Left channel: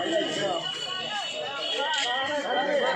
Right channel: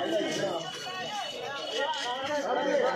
ஐயா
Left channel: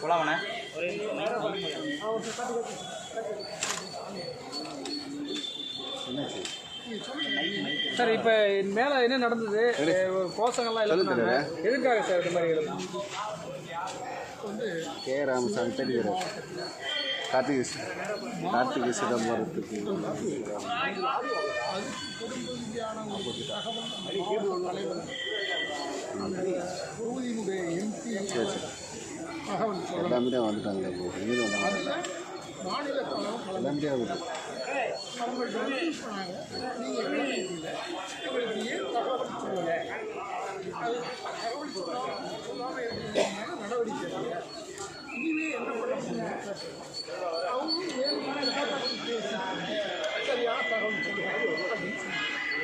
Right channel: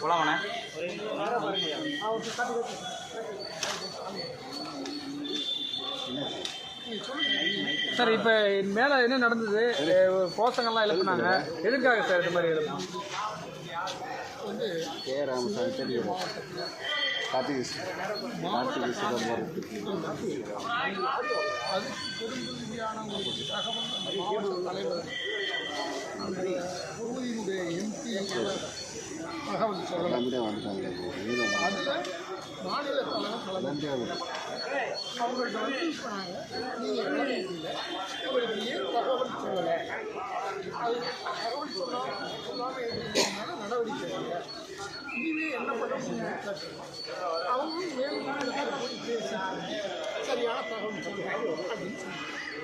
போலாமாண்ணே சார் இப்போ மேலே என்ன நடந்தது? கோஷங்கள்லாம் எழுப்புனாங்க எதுக்காக சார் இந்த மாதிரி எழுப்புனாங்க கே ராமசாமி தெரியும். கார்த்திகை கார்த்திகை சிதம்பரத்துக்கு தொகுதியினுடைய எம்பி தகவல் எல்லாமே வந்துட்டாங்களே மாநில தலைவர் எல்லாமே அவங்கள்ட்ட வந்து சொன்னாங்க நீங்கள் உங்களுக்கு ஏன் தகவல் சொல்லலை அது தகவல் சொல்லாமல் சொல்லாமல் இருக்கிறதுனால நடவடிக்கை இல்லை என்ன பண்ண அவங்களும் அவங்க சரியான தகவல் சொல்லுவாங்க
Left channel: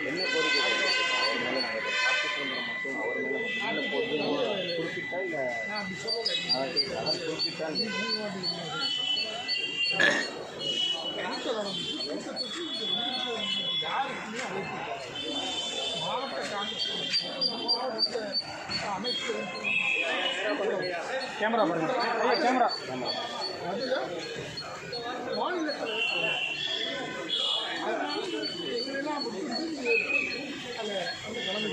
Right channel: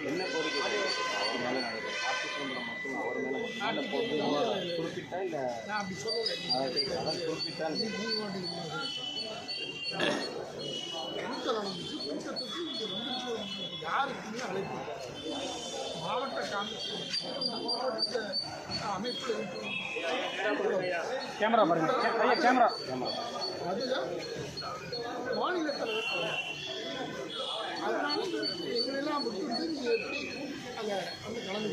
என்ன குறிப்பிட்டா இல்லை குறிப்பிட்டா யாருக்குமே அழைப்பு மாவட்ட காங்கிரஸ் மாவட்ட அமைப்பு கேமரா பாருங்க. ஐயா கேமரா. அதில் மாநில தலைவர் அதனால எங்களெல்லாம் அந்த அந்த கலந்து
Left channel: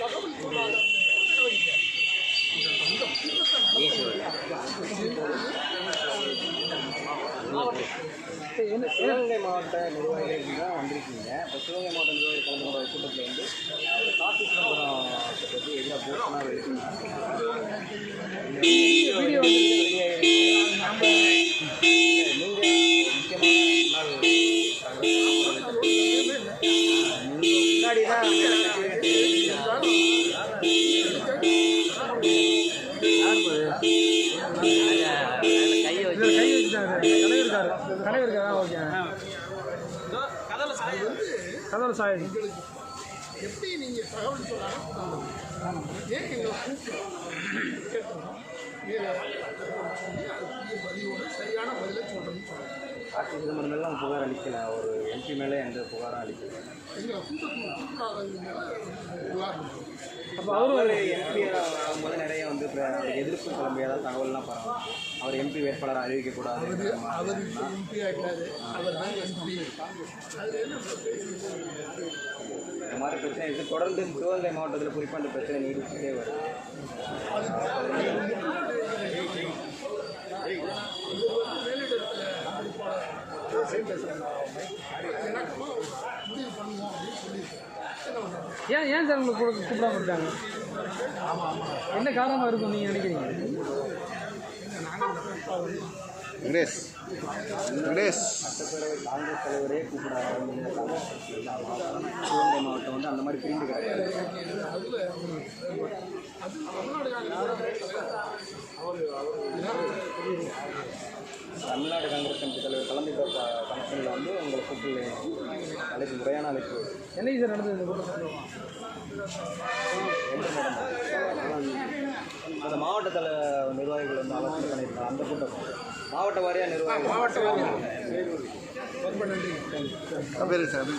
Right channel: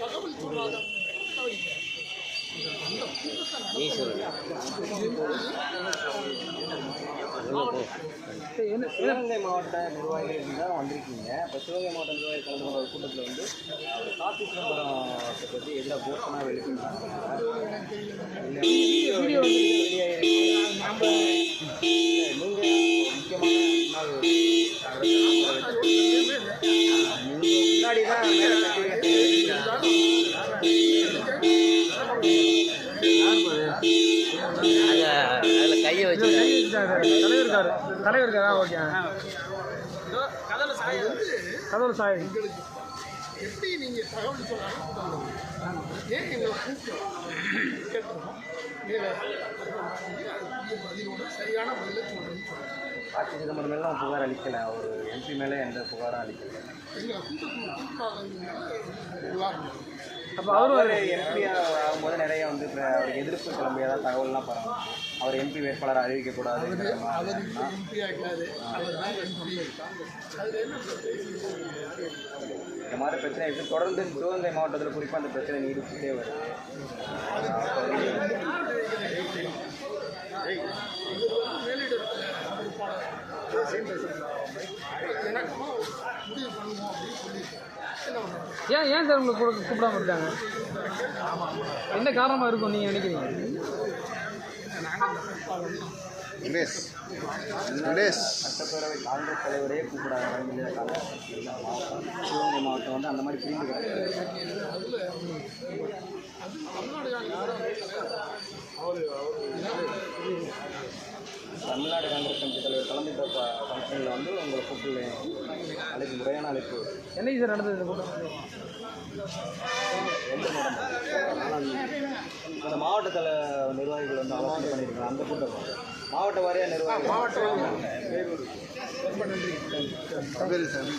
தகவல் சொல்லாத நடவடிக்கை. அந்த கூட்டத்தை என்ன சிவகங்கை மாவட்ட நிர்வாகிகள் தான் வந்திருக்கீங்க. இப்போ சிவகங்கை மாவட்ட நிர்வாகிகள் கலந்து கொண்ட கூட்டத்தில் வந்து கார்த்திகை சிதம்பரம் பற்றி எதிராக வீடியோ முன்னாடி தான் தலைவர் இருக்காரு. தலைவர் இருக்காரா? ஓகே. கதவுல சாய் எப்படி நீங்கள் தகவல் சொன்னாலும். ஏன் எங்களை கூப்பிட்டு கேட்டுருவோம் மேலே சொல்லி அதுக்குரிய பதிலோட சரியான பதிலை சொல்கிறேன்னு சொல்லுவோம் கார்த்திகை சிதம்பரம் மேலே புகார் அளிக்கலை. ஒரு எம்பி மேலே எந்த புகாரும் அளிக்கலை. எங்களை கூட்டத்துக்கு கூப்பிடாதவங்க புகார். அப்போ அவரும் அவர் எம்பி ஆகும்போது நிறைய வந்து இப்போ அவருக்கு எதிர்ப்பு கிளம்பியதா தகவல்லாம் பரவாயில்ல அவர் எம்பி வேட்பாளர் அறிவிக்கக்கூடாது அவர் எம்பி ஆகிட்டாரு அவர் தான் எம்பி அதில் என்ன பேசுறது இந்த மாதிரி பிரச்சனை இருக்குது தொடர்ந்து சிவகங்கை மாவட்டத்தில் குறிப்பாக அந்த பிரச்சனை நீடிச்சுட்டே வருது. முடிவு பண்ணுவோம் அப்படின்னு பண்ணுறாங்க ஏன் ஏன் சார் உங்களை கூட கூப்பிடாம இருக்காங்க? என்ன காரணமாக இருக்கும் நீங்கள் நினைக்கிறீங்க? வெங்கடேஷ் வெங்கடேஷ் சட்டப்பேரவை காங்கிரஸ் தலைவரே சிவகங்கை மாவட்டம் வந்து அந்த மாதிரி பிரிந்து கிடக்கு. தமிழ்நாடு காங்கிரஸ் கமிட்டி தலைவர் கலந்துக்கிட்ட ஃபங்க்ஷனில் வந்து உங்களை கூப்பிடல அழைப்பு முறையான அழைப்பு. என்னைக்கு சார் நடந்தது? இந்த கூட்டம் எந்த அந்த மாவட்ட தல நிர்வாகிகள் வந்து ஆலோசனை பண்ணியிருக்காங்க. அந்த கூட்டம் மாவட்ட வாரியாக நிர்வாகிகள். மாவட்ட ரொம்ப நன்றி. சார்.